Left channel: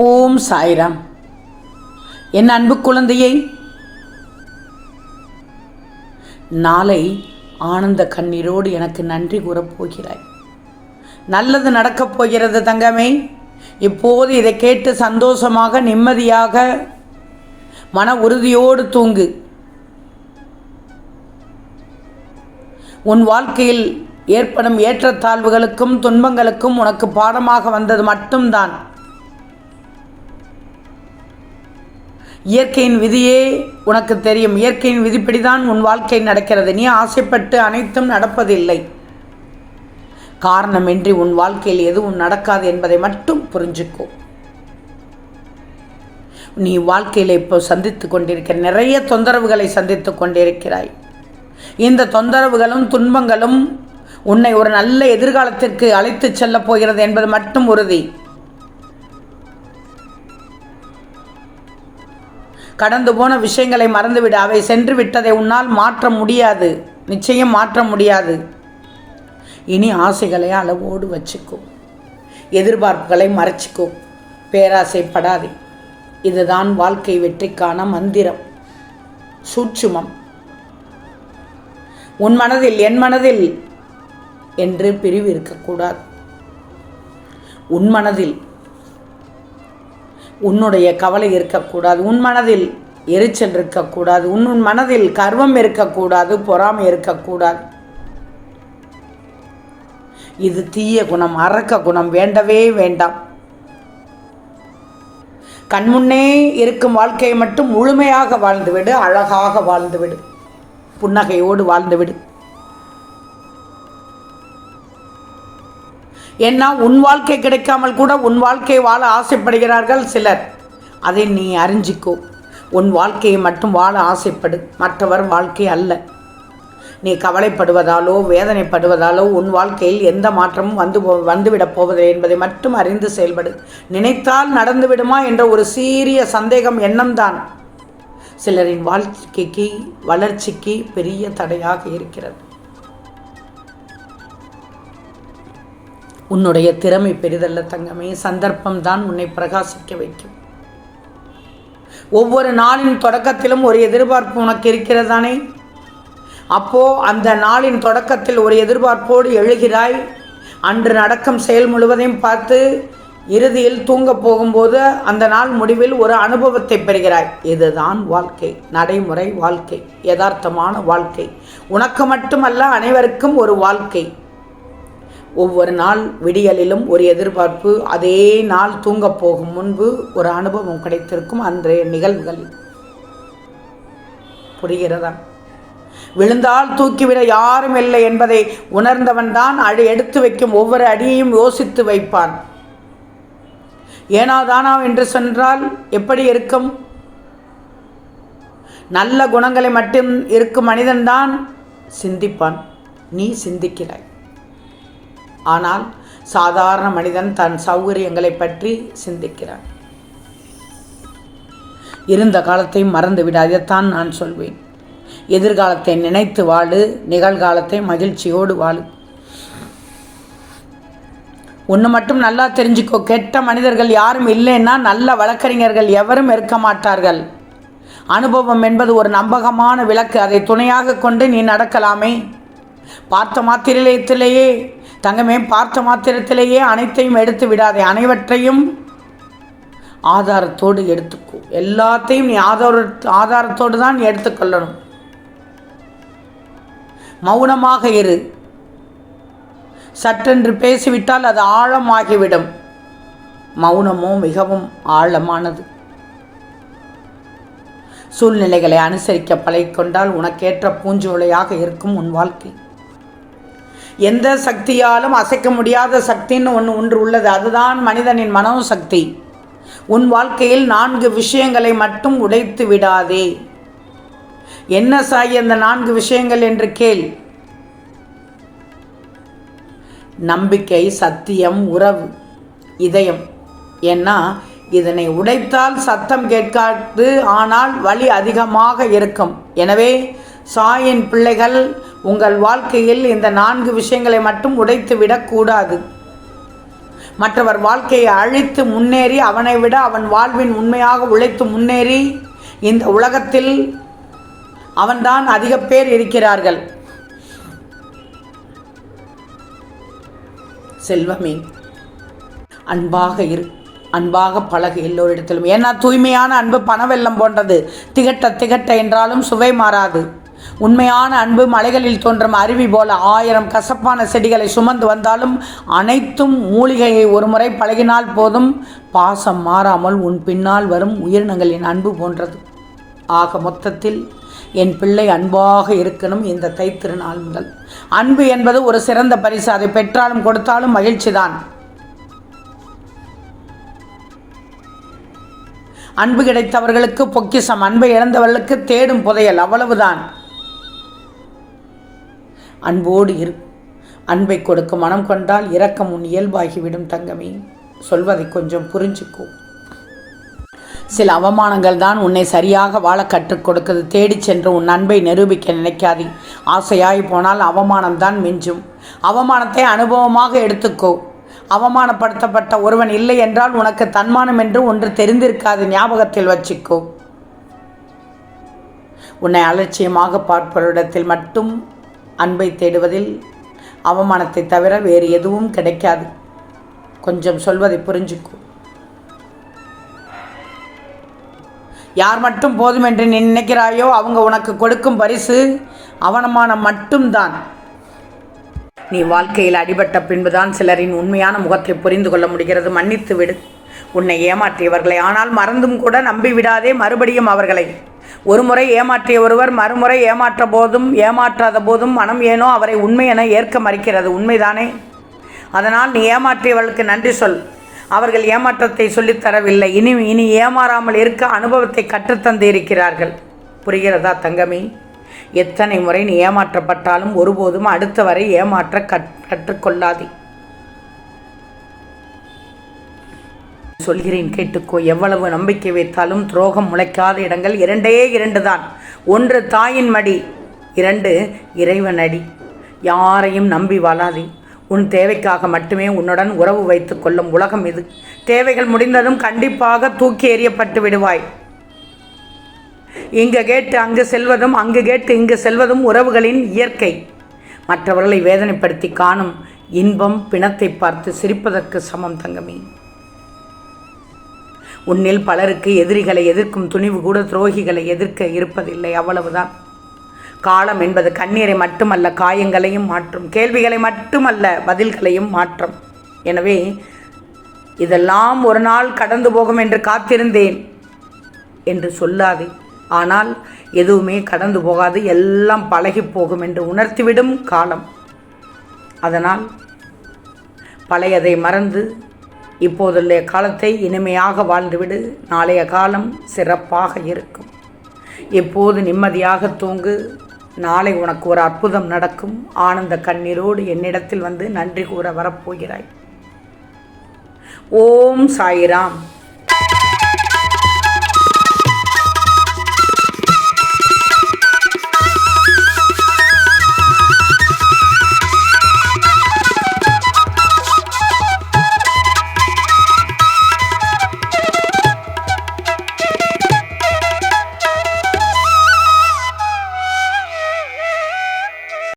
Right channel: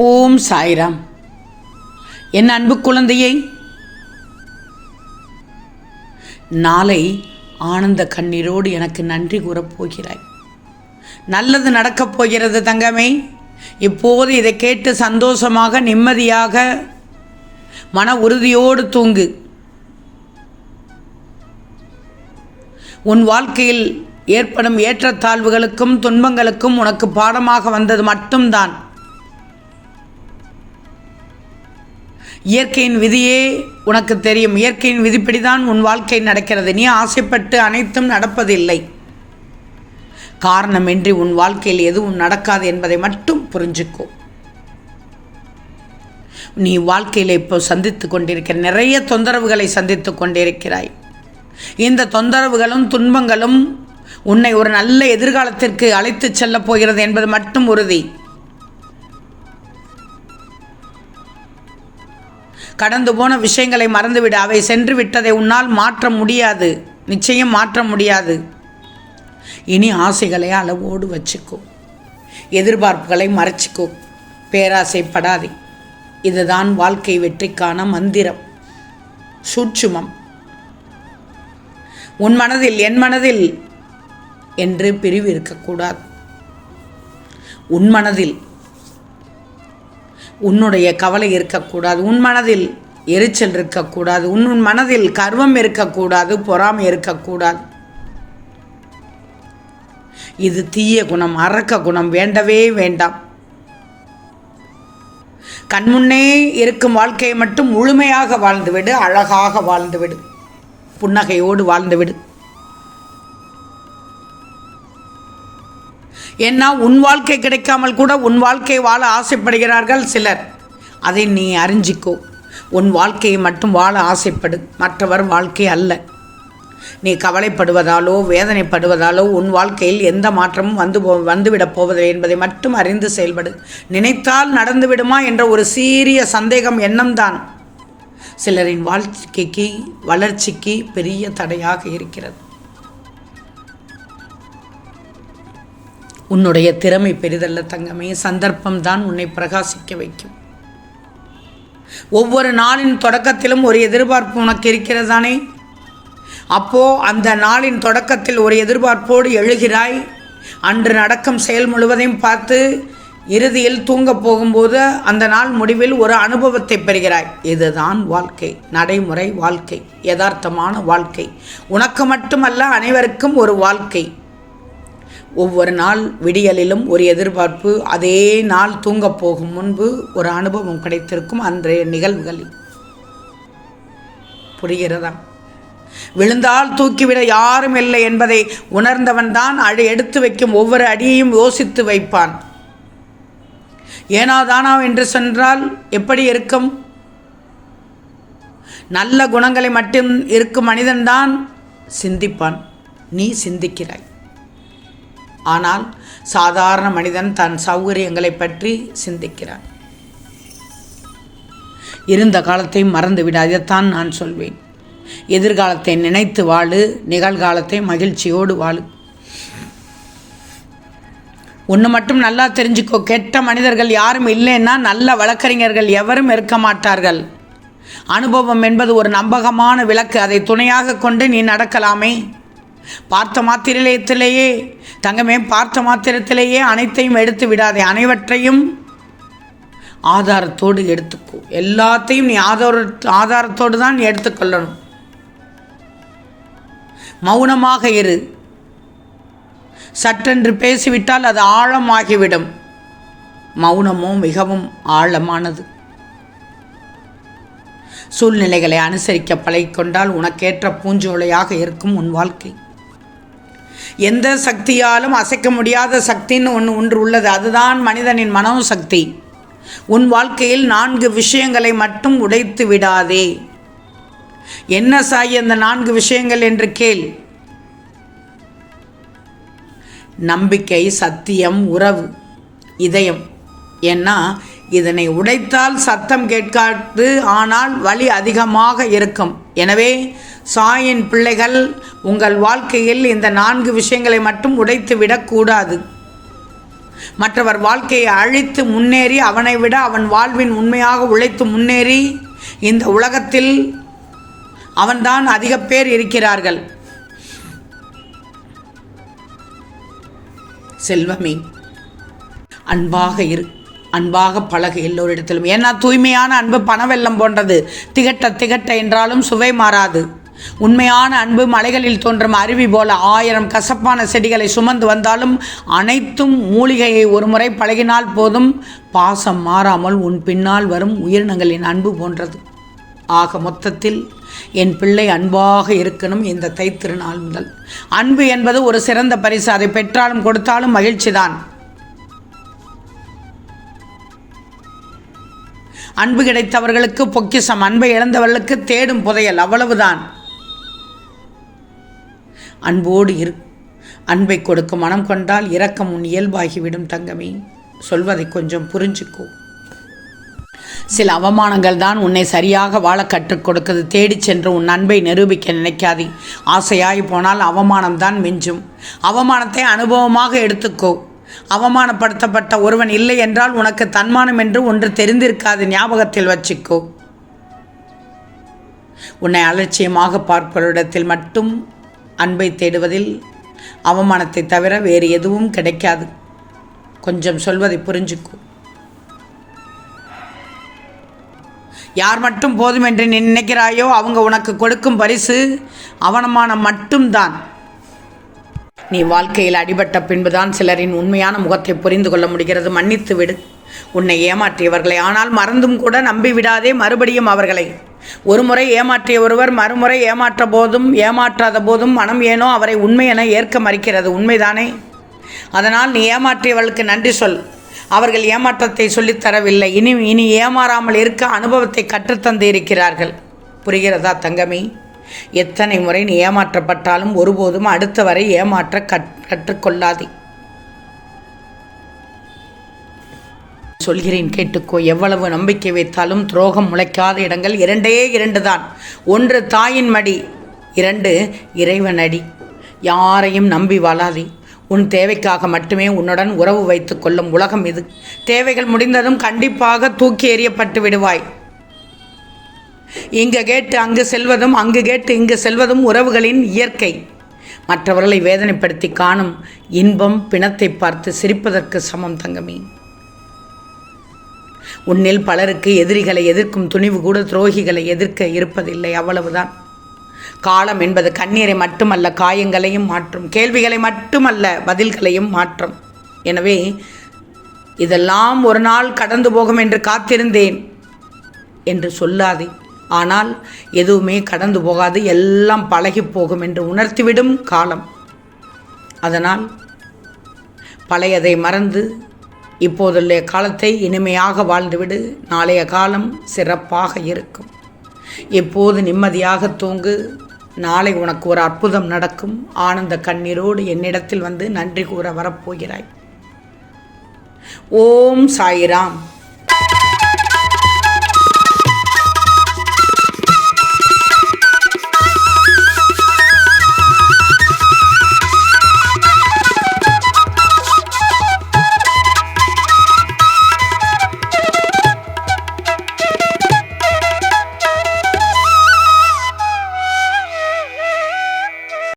ஓம் சாய்ராம். என் அன்பு குழந்தையை, நாளை ஆனந்த கண்ணீரோடு எனக்கு நன்றி கூறப்போகிறாய். நல்லது நடக்கப் போகிறது தங்கமே. இப்போது இதை கேட்டு சந்தோஷமாக நிம்மதியாக மன உறுதியோடு தூங்கு. உன் வாழ்க்கையில் ஏற்படும் ஏற்றத்தாழ்வுகளுக்கும் துன்பங்களுக்கும் உனக்கு பாடமாக வந்தது மட்டும்தான். இயற்கையின் விதியே உனக்கு தெரியும். இயற்கையின் விதிப்படிதான் உன் வாழ்க்கை நடக்கிறது. நீ ஆசைப்பட்டு அனைத்தும் நடப்பதில்லை. காரணமின்றி உன் வாழ்க்கையில் எதுவும் நடக்காது என்பதை மட்டும் புரிஞ்சுக்கோ. நீ வாழ்க்கையில் இப்போ சந்தித்து கொண்டிருக்கிற நிறைய தொந்தரவுகளை சந்தித்து கொண்டிருக்கிறாய். இந்த தொந்தரவுகளும் துன்பங்களும் உன்னை ஒரு நல்ல எதிர்காலத்திற்கு அழைத்து செல்லப் போகிறது என்பது மட்டும் உறுதி. கடந்து போன விஷயங்களை மறந்துவிட. அவை சென்று விட்டதை உன்னால் மாற்ற முடியாது. நிச்சயம் மாற்ற முடியாது. இனி ஆசைகளை அளவோடு வச்சுக்கோ. எதிர்பார்ப்புகளை மறைச்சிக்கோ. பேராசைப்படாதே. இதுதான் வாழ்க்கை வெற்றிக்கான மந்திரம், சூட்சுமம். உன் மனதில் என் மனதில் என்று பிரிவு இருக்கக்கூடாது. உன் மனதில் உன்னுடைய கவலை இருக்கக்கூடாது. உன் மனதில் எரிச்சல் இருக்கக்கூடாது. உன் மனதில் கர்வம் இருக்கக்கூடாது. பொறாமை இருக்கக்கூடாது. இது தீய குணம், அரக்க குணம். வேண்டவே வேண்டாம். கண்முன்னே இருக்கும் வாழ்க்கையை மட்டும் முழுமையாக வாழ்ந்துவிடு. அழகாக வாழ்ந்துவிடு. புன்னகையோடு வாழ்ந்துவிடு. ஏன்னா உன் வாழ்க்கை கிடைக்காமல் கூட உன் வாழ்க்கையை வாழ ஆசைப்படுகிறார்கள் சிலர். அதை நீ அறிஞ்சிக்கோ. உன் வாழ்க்கையை மட்டும் வாழ ஆசைப்படு. மற்றவர் வாழ்க்கை அல்ல. நீ கவலைப்படுவதாலோ வேதனைப்படுவதாலோ உன் வாழ்க்கையில் எந்த மாற்றமும் வந்துவிடப் போவதில்லை என்பதை மட்டும் அறிந்து செயல்படு. நினைத்தால் நடந்துவிடுமா என்ற ஒரு சீரிய சந்தேகம் எண்ணம்தான் சிலரின் வாழ்க்கைக்கு வளர்ச்சிக்கு பெரிய தடையாக இருக்கிறது. உன்னுடைய திறமை பெரிதல்ல தங்கமே. சந்தர்ப்பம்தான் உன்னை பிரகாசிக்க வைக்கும். ஒவ்வொரு நாளின் தொடக்கத்திலும் ஒரு எதிர்பார்ப்பு உனக்கு இருக்கிறதானே? அப்போ அந்த நாளின் தொடக்கத்தில் ஒரு எதிர்பார்ப்போடு எழுகிறாய். அன்று நடக்கும் செயல் முழுவதையும் பார்த்து இறுதியில் தூங்கப் போகும்போது அந்த நாள் முடிவில் ஒரு அனுபவத்தை பெறுகிறாய். இதுதான் வாழ்க்கை, நடைமுறை வாழ்க்கை, யதார்த்தமான வாழ்க்கை. உனக்கு மட்டுமல்ல, அனைவருக்கும் ஒரு வாழ்க்கை. ஒவ்வொரு நாள் விடியலிலும் ஒரு எதிர்பார்ப்பு. அதே நாள் தூங்கப் போகும் முன்பு ஒரு அனுபவம் கிடைத்திருக்கும் அன்றைய நிகழ்வுகளில். புரிகிறதா? விழுந்தால் தூக்கிவிட யாரும் இல்லை என்பதை உணர்ந்தவன் தான் எடுத்து வைக்கும் ஒவ்வொரு அடியையும் யோசித்து வைப்பான். ஏனாதானா என்று சென்றால் எப்படி இருக்கும்? நல்ல குணங்களை மட்டும் இருக்கும் மனிதன்தான் சிந்திப்பான். நீ சிந்திக்கிறாய். ஆனால் சாதாரண மனிதன் தன் சௌகரியங்களை பற்றி சிந்திக்கிறான். இருந்த காலத்தை மறந்துவிட. அதைத்தான் நான் சொல்வேன். எதிர்காலத்தை நினைத்து வாழு. நிகழ்காலத்தை மகிழ்ச்சியோடு வாழு. ஒன்று மட்டும் நல்லா தெரிஞ்சுக்கோ. கெட்ட மனிதர்கள் யாரும் இல்லைன்னா நல்ல வழக்கறிஞர்கள் எவரும் இருக்க மாட்டார்கள். அனுபவம் என்பது ஒரு நம்பகமான விளக்கு. அதை துணையாக கொண்டு நீ நடக்கலாமே. பார்த்த மாத்திரத்திலேயே தங்கமே, பார்த்த மாத்திரத்திலேயே அனைத்தையும் எடுத்து விடாதே. அனைவற்றையும் ஆதாரத்தோடு எடுத்துக்கோ. எல்லாத்தையும் நீ ஆதாரத்தோடு தான் எடுத்துக்கொள்ளணும். மௌனமாக இரு. சற்றென்று பேசிவிட்டால் அது ஆழமாகிவிடும். மௌனமோ மிகவும் ஆழமானது. சூழ்நிலைகளை அனுசரிக்க பழகிக்கொண்டால் உனக்கேற்ற பூஞ்சோலையாக இருக்கும் உன் வாழ்க்கை. எந்த சக்தியாலும் அசைக்க முடியாத சக்தின்னு ஒன்று உள்ளது. அதுதான் மனிதனின் மனோசக்தி. உன் வாழ்க்கையில் 4 விஷயங்களை மட்டும் உடைத்து விடாதே. என்ன சாய் அந்த 4 விஷயங்கள் என்று கேள். நம்பிக்கை, சத்தியம், உறவு, இதயம். ஏன்னா இதனை உடைத்தால் சத்தம் கேட்காது, ஆனால் வலி அதிகமாக இருக்கும். எனவே சாயின் பிள்ளைகள், உங்கள் வாழ்க்கையில் இந்த 4 விஷயங்களை மட்டும் உடைத்து விடக்கூடாது. மற்றவர் வாழ்க்கையை அழித்து முன்னேறி அவனை விட அவன் வாழ்வின் உண்மையாக உழைத்து முன்னேறி இந்த உலகத்தில் அவன்தான் அதிக பேர் இருக்கிறார்கள். செல்வமே, அன்பாக இரு, அன்பாக பழகு எல்லோரிடத்திலும். ஏன்னா தூய்மையான அன்பு பணவெல்லம் போன்றது. திகட்ட திகட்ட என்றாலும் சுவை மாறாது. உண்மையான அன்பு மலைகளில் தோன்றும் அருவி போல 1000 கசப்பான செடிகளை சுமந்து வந்தாலும் அனைத்தும் மூலிகையை ஒரு முறை பழகினால் போதும். பாசம் மாறாமல் உன் பின்னால் வரும் உயிரினங்களின் அன்பு போன்றது. ஆக மொத்தத்தில் என் பிள்ளை அன்பாக இருக்கணும். இந்த தைத்திருநாள் முதல் அன்பு என்பது ஒரு சிறந்த பரிசு. அதை பெற்றாலும் கொடுத்தாலும் மகிழ்ச்சிதான். அன்பு கிடைத்தவர்களுக்கு பொக்கிஷம், அன்பை இழந்தவர்களுக்கு தேடும் புதையல், அவ்வளவுதான். அன்போடு இரு. அன்பை கொடுக்க மனம் கொண்டால் இரக்கம் உன் இயல்பாகிவிடும் தங்கமே. சொல்வதை கொஞ்சம் புரிஞ்சுக்கோ. சில அவமானங்கள் தான் உன்னை சரியாக வாழ கற்றுக் கொடுக்குது. தேடி சென்று உன் அன்பை நிரூபிக்க நினைக்காதே. ஆசையாகி போனால் அவமானம்தான் மிஞ்சும். அவமானத்தை அனுபவமாக எடுத்துக்கோ. அவமானப்படுத்தப்பட்ட ஒருவன் இல்லை என்றால் உனக்கு தன்மானம் என்று ஒன்று தெரிந்திருக்காது. ஞாபகத்தில் வச்சுக்கோ. உன்னை அலட்சியமாக பார்ப்பவரிடத்தில் மட்டும் அன்பை தேடுவதில் அவமானத்தை தவிர வேறு எதுவும் கிடைக்காது. கொஞ்சம் சொல்வதை புரிஞ்சுக்கோ. யார் மட்டும் போதும் என்று நீ நினைக்கிறாயோ அவங்க உனக்கு கொடுக்கும் பரிசு அவமானம் மட்டும்தான். நீ வாழ்க்கையில் அடிபட்ட பின்புதான் சிலரின் உண்மையான முகத்தை புரிந்து கொள்ள முடிகிறது. மன்னித்து விடு உன்னை ஏமாற்றியவர்களை. ஆனால் மறந்தும் கூட நம்பி விடாதே மறுபடியும் அவர்களை. ஒரு முறை ஏமாற்றிய ஒருவர் மறுமுறை ஏமாற்றாத போதும் மனம் ஏனோ அவரை உண்மை என ஏற்க மறுக்கிறது. உண்மைதானே? அதனால் நீ ஏமாற்றியவர்களுக்கு நன்றி சொல். அவர்கள் ஏமாற்றத்தை சொல்லித்தரவில்லை. இனி ஏமாறாமல் இருக்க அனுபவத்தை கற்றுத்தந்து இருக்கிறார்கள். புரிகிறதா தங்கமே? எத்தனை முறை நீ ஏமாற்றப்பட்டாலும் ஒருபோதும் அடுத்தவரை ஏமாற்ற கற்றுக்கொள்ளாதே. சொல்கிறேன் கேட்டுக்கோ. எவ்வளவு நம்பிக்கை வைத்தாலும் துரோகம் முளைக்காத இடங்கள் 2 தான். 1 தாயின் மடி, 2 இறைவனடி. யாரையும் நம்பி வாழாதே. உன் தேவைக்காக மட்டுமே உன்னுடன் உறவு வைத்து கொள்ளும் உலகம் இது. தேவைகள் முடிந்ததும் கண்டிப்பாக தூக்கி எறியப்பட்டு விடுவாய். இங்கு கேட்டு அங்கு செல்வதும் அங்கு கேட்டு இங்கு செல்வதும் உறவுகளின் இயற்கை. மற்றவர்களை வேதனைப்படுத்தி காணும் இன்பம் பிணத்தை பார்த்து சிரிப்பதற்கு சமம் தங்கமே. உன்னில் பலருக்கு எதிரிகளை எதிர்க்கும் துணிவு கூட துரோகிகளை எதிர்க்க இருப்பதில்லை. அவ்வளவுதான். காலம் என்பது கண்ணீரை மட்டுமல்ல, காயங்களையும் மாற்றும். கேள்விகளை மட்டுமல்ல, பதில்களையும் மாற்றும். எனவே இதெல்லாம் ஒரு நாள் கடந்து போகும் என்று காத்திருந்தேன் என்று சொல்லாதே. ஆனால் எதுவுமே கடந்து போகாது, எல்லாம் பழகி போகும் என்று உணர்த்திவிடும் காலம். அதனால் பழையதை மறந்து இப்போதுள்ள காலத்தை இனிமையாக வாழ்ந்துவிடு. நாளைய காலம் சிறப்பாக இருக்கும். எப்போது நிம்மதியாக தூங்கு. நாளை உனக்கு ஒரு அற்புதம் நடக்கும். ஆனந்த கண்ணீரோடு என்னிடத்தில் வந்து நன்றி கூற வரப்போகிறாய். ஓம் சாய்ராம்.